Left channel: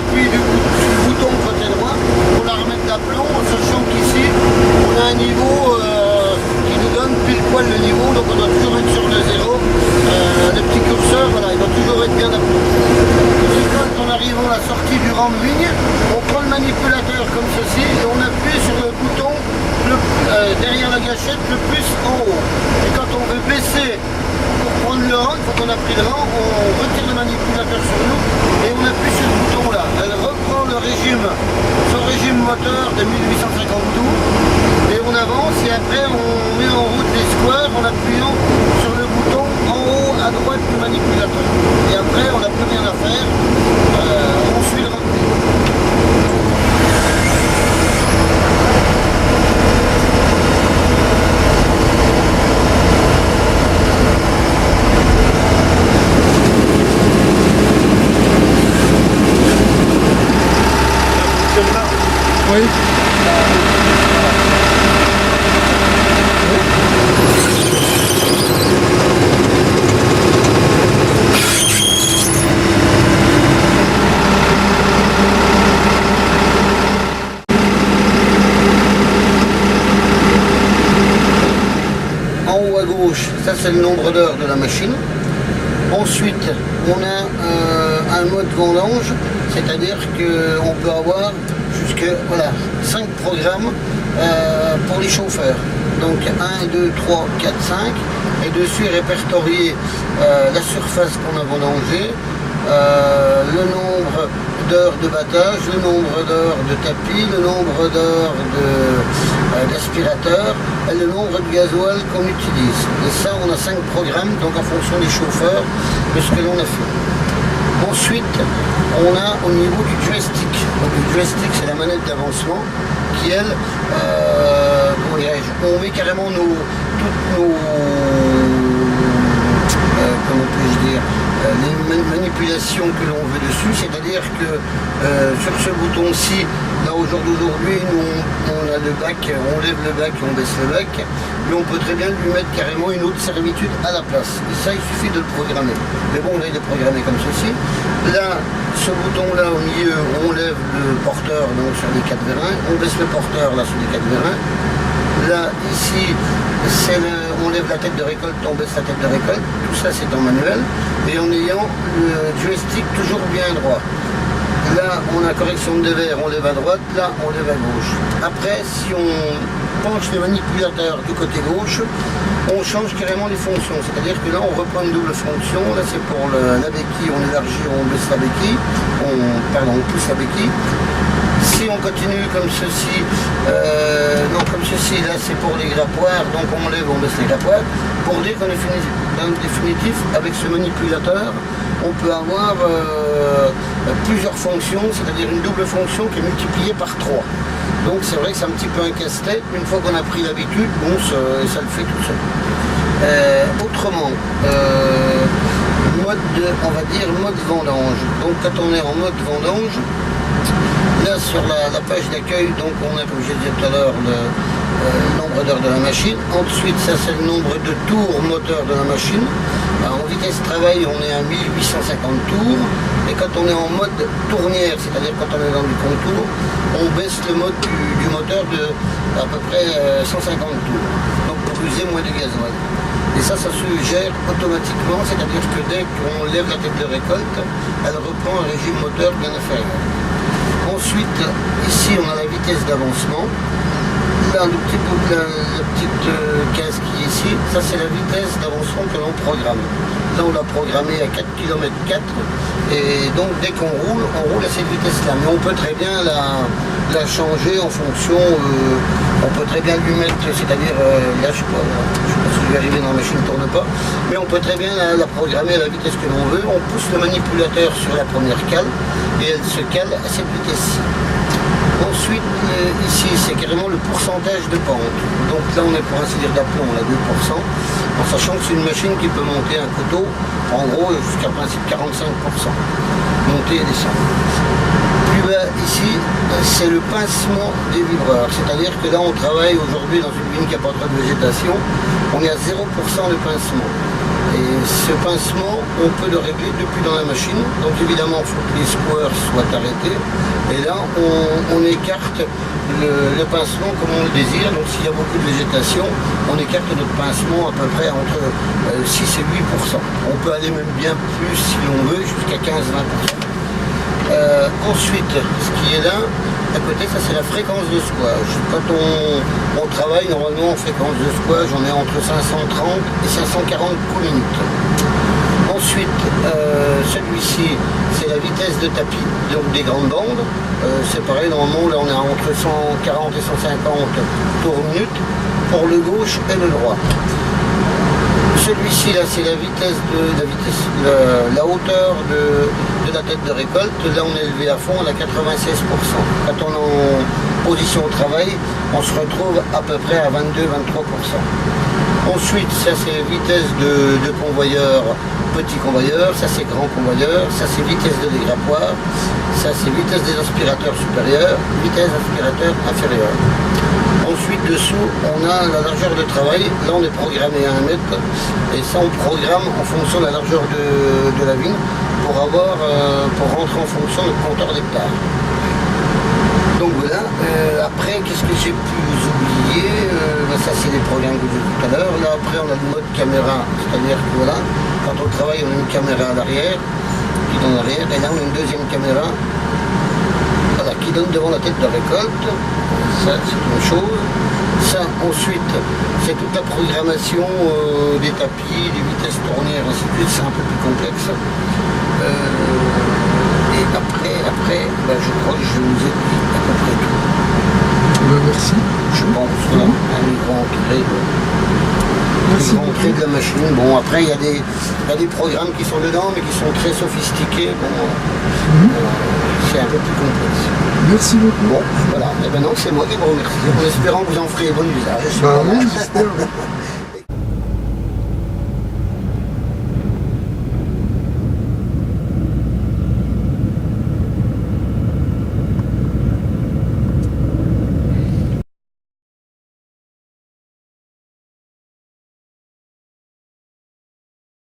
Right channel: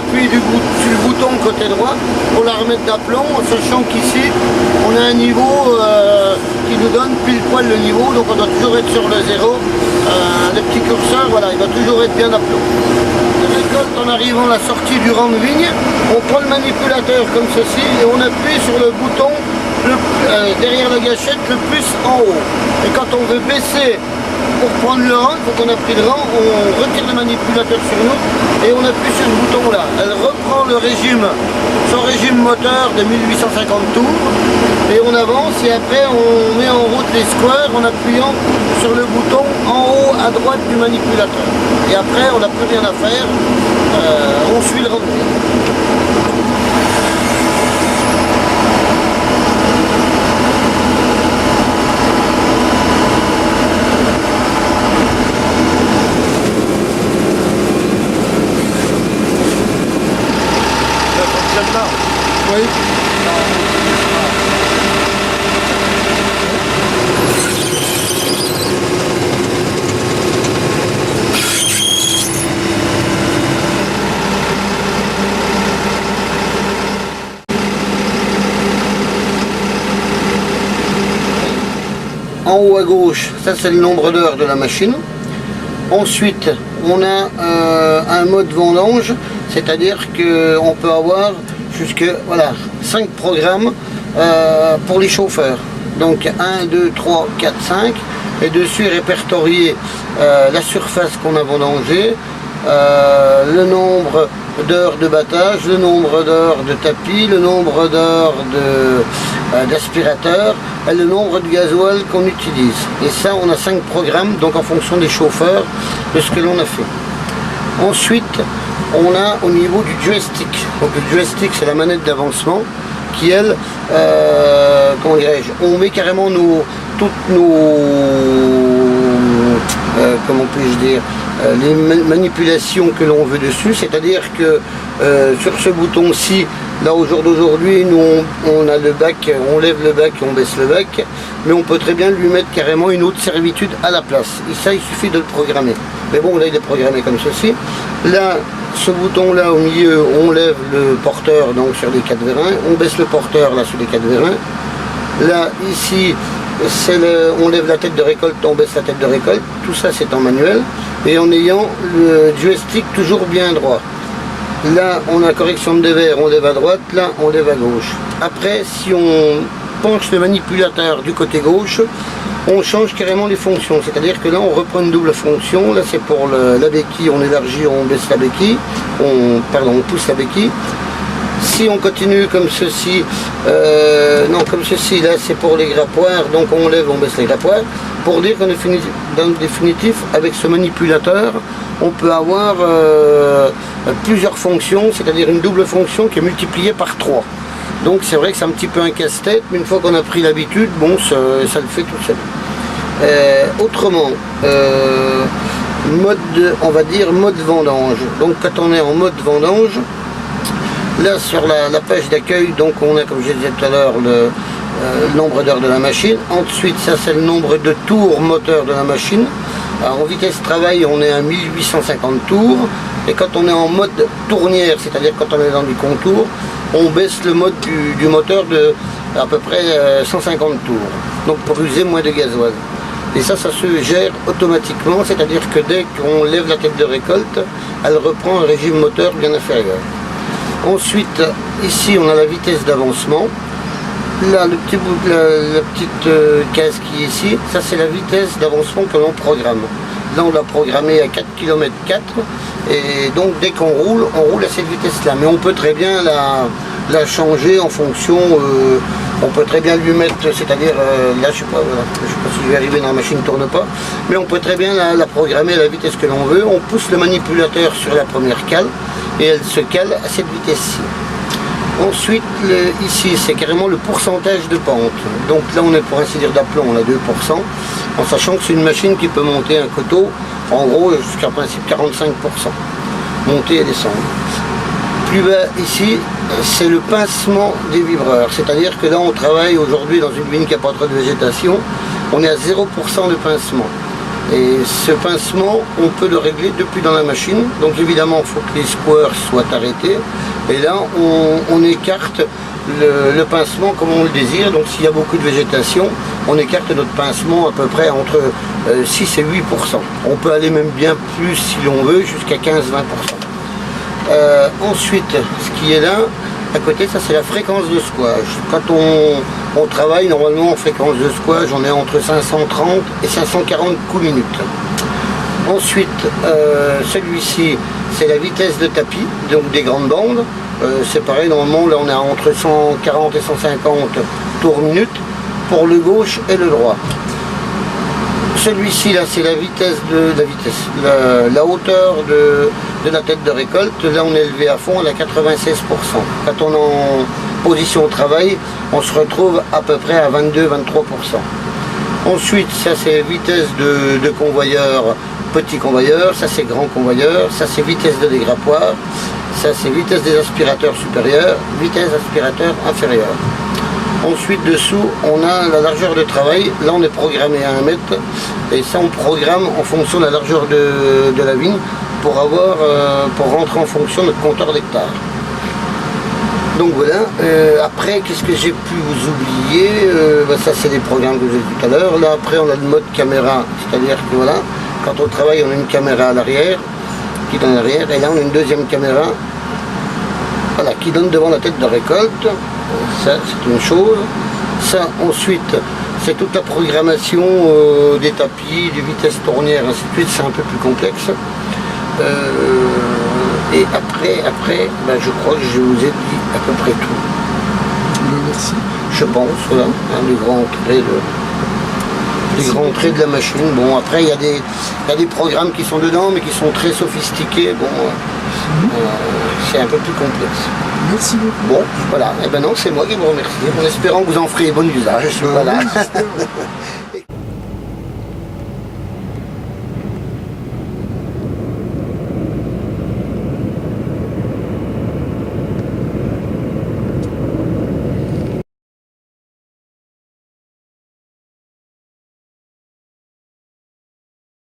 appuie sur le bouton côté droit pour la remettre d'aplomb, en sachant qu'ici on a un niveau qui nous donne pile poil le niveau, donc on doit toujours être sur le zéro. Le petit curseur, voilà, il doit toujours être bien d'aplomb. En arrivant à la sortie du rang de ligne, on prend le manipulateur comme ceci et on appuie sur le bouton derrière la gâchette le plus en haut. Et quand on veut baisser pour prendre le rang, quand on a pris le rang, on retire le manipulateur sur nous et on appuie sur ce bouton là. Elle reprend le régime, son régime moteur de 1850 tours et on avance et après on met en route les squares en appuyant sur le bouton en haut à droite du manipulateur. Et après on n'a plus rien à faire, on suit le revenu. Oui. En haut à gauche, ça c'est le nombre d'heures de la machine. Ensuite, on a un mode vendange, c'est-à-dire qu'on peut avoir jusque 5 programmes pour les chauffeurs. Donc 1, 2, 3, 4, 5. Et dessus est répertorié la surface qu'on a vendangée, le nombre d'heures de battage, le nombre d'heures de tapis, le nombre d'heures d'aspirateur et le nombre de gasoil qu'on utilise. Et ça, on a 5 programmes, donc en fonction des chauffeurs, de ce que l'on a fait. Ensuite, on a au niveau du joystick. Donc le joystick, c'est la manette d'avancement qui, elle, comment dirais-je, on met carrément toutes nos comment puis-je dire, les manipulations que l'on veut dessus, c'est-à-dire que sur ce bouton-ci, là au jour d'aujourd'hui, nous on a le bac, on lève le bac et on baisse le bac, mais on peut très bien lui mettre carrément une autre servitude à la place. Et ça, il suffit de le programmer. Mais bon, là il est programmé comme ceci. Là, ce bouton-là au milieu, on lève le porteur donc sur les 4 vérins, on baisse le porteur là sur les 4 vérins. Là, ici, on lève la tête de récolte, on baisse la tête de récolte, tout ça c'est en manuel, et en ayant le joystick toujours bien droit. Là, on a correction de dévers, on lève à droite, là, on lève à gauche. Après, si on penche le manipulateur du côté gauche, on change carrément les fonctions, c'est-à-dire que là, on reprend une double fonction, là c'est pour la béquille, on élargit, on baisse la béquille, on pousse la béquille. Si on continue comme ceci, comme ceci, là c'est pour les grappoirs, donc on lève, on baisse les grappoirs, pour dire qu'en définitif, avec ce manipulateur, on peut avoir plusieurs fonctions, c'est-à-dire une double fonction qui est multipliée par 3. Donc c'est vrai que c'est un petit peu un casse-tête, mais une fois qu'on a pris l'habitude, bon, ça le fait tout seul. Autrement, on va dire mode vendange. Donc quand on est en mode vendange, là sur la page d'accueil, donc on a, comme je disais tout à l'heure, le nombre d'heures de la machine. Ensuite, ça c'est le nombre de tours moteur de la machine. Alors, en vitesse travail, on est à 1850 tours. Et quand on est en mode tournière, c'est-à-dire quand on est dans du contour, on baisse le mode du moteur de à peu près 150 tours. Donc pour user moins de gasoil. Et ça se gère automatiquement, c'est-à-dire que dès qu'on lève la tête de récolte, elle reprend un régime moteur bien inférieur. Ensuite, ici on a la vitesse d'avancement. Là, la petite case qui est ici, ça c'est la vitesse d'avancement que l'on programme. Là on l'a programmé à 4 km 4 et donc dès qu'on roule, on roule à cette vitesse-là. Mais on peut très bien la changer en fonction, on peut très bien lui mettre, c'est-à-dire, là je sais pas si je vais arriver dans la machine ne tourne pas, mais on peut très bien la programmer à la vitesse que l'on veut. On pousse le manipulateur sur la première cale et elle se cale à cette vitesse-ci. Ensuite, ici, c'est carrément le pourcentage de pente. Donc là, on est pour ainsi dire d'aplomb, on a 2%, en sachant que c'est une machine qui peut monter un coteau, en gros, jusqu'à principe 45%. Monter et descendre. Plus bas, ici, c'est le pincement des vibreurs. C'est-à-dire que là, on travaille aujourd'hui dans une vigne qui n'a pas trop de végétation. On est à 0% de pincement. Et ce pincement, on peut le régler depuis dans la machine. Donc évidemment, il faut que les squares soient arrêtés. Et là, on écarte le pincement comme on le désire. Donc s'il y a beaucoup de végétation, on écarte notre pincement à peu près entre 6 et 8%. On peut aller même bien plus si l'on veut, jusqu'à 15-20%. Ensuite, ce qui est là, à côté, ça c'est la fréquence de squash. Quand on travaille, normalement en fréquence de squash, on est entre 530 et 540 coups minutes. Ensuite, celui-ci, c'est la vitesse de tapis, donc des grandes bandes. C'est pareil, normalement là on est entre 140 et 150 tours minute pour le gauche et le droit. Celui-ci là, c'est la hauteur de la tête de récolte. Là on est élevé à fond, on a 96%. Quand on est en position au travail, on se retrouve à peu près à 22-23%. Ensuite, ça c'est vitesse de convoyeur, petit convoyeur, ça c'est grand convoyeur, ça c'est vitesse de dégrappoir, ça c'est vitesse des aspirateurs supérieurs, vitesse aspirateur inférieur. Ensuite dessous, on a la largeur de travail, là on est programmé à 1 mètre, et ça on programme en fonction de la largeur de la vigne pour rentrer en fonction de notre compteur d'hectares. Donc voilà, après qu'est-ce que j'ai pu vous oublier, ça c'est les programmes que j'ai dit tout à l'heure. Là après on a le mode caméra, c'est-à-dire que voilà, quand on travaille on a une caméra à l'arrière, qui donne à l'arrière, et là on a une deuxième caméra, voilà, qui donne devant la tête de récolte. Ça c'est une chose. Ça ensuite c'est toute la programmation des tapis, des vitesses tournières, ainsi de suite, c'est un peu plus complexe. Et après, je crois que je vous ai dit à peu près tout. Merci. Je pense, voilà, les grands traits de la machine. Bon, après, il y a des programmes qui sont dedans, mais qui sont très sophistiqués. Bon, c'est un peu plus complexe. Merci beaucoup. Bon, voilà. Et ben non, c'est moi qui vous remercie, en espérant que vous en ferez bon usage. Oui, j'espère.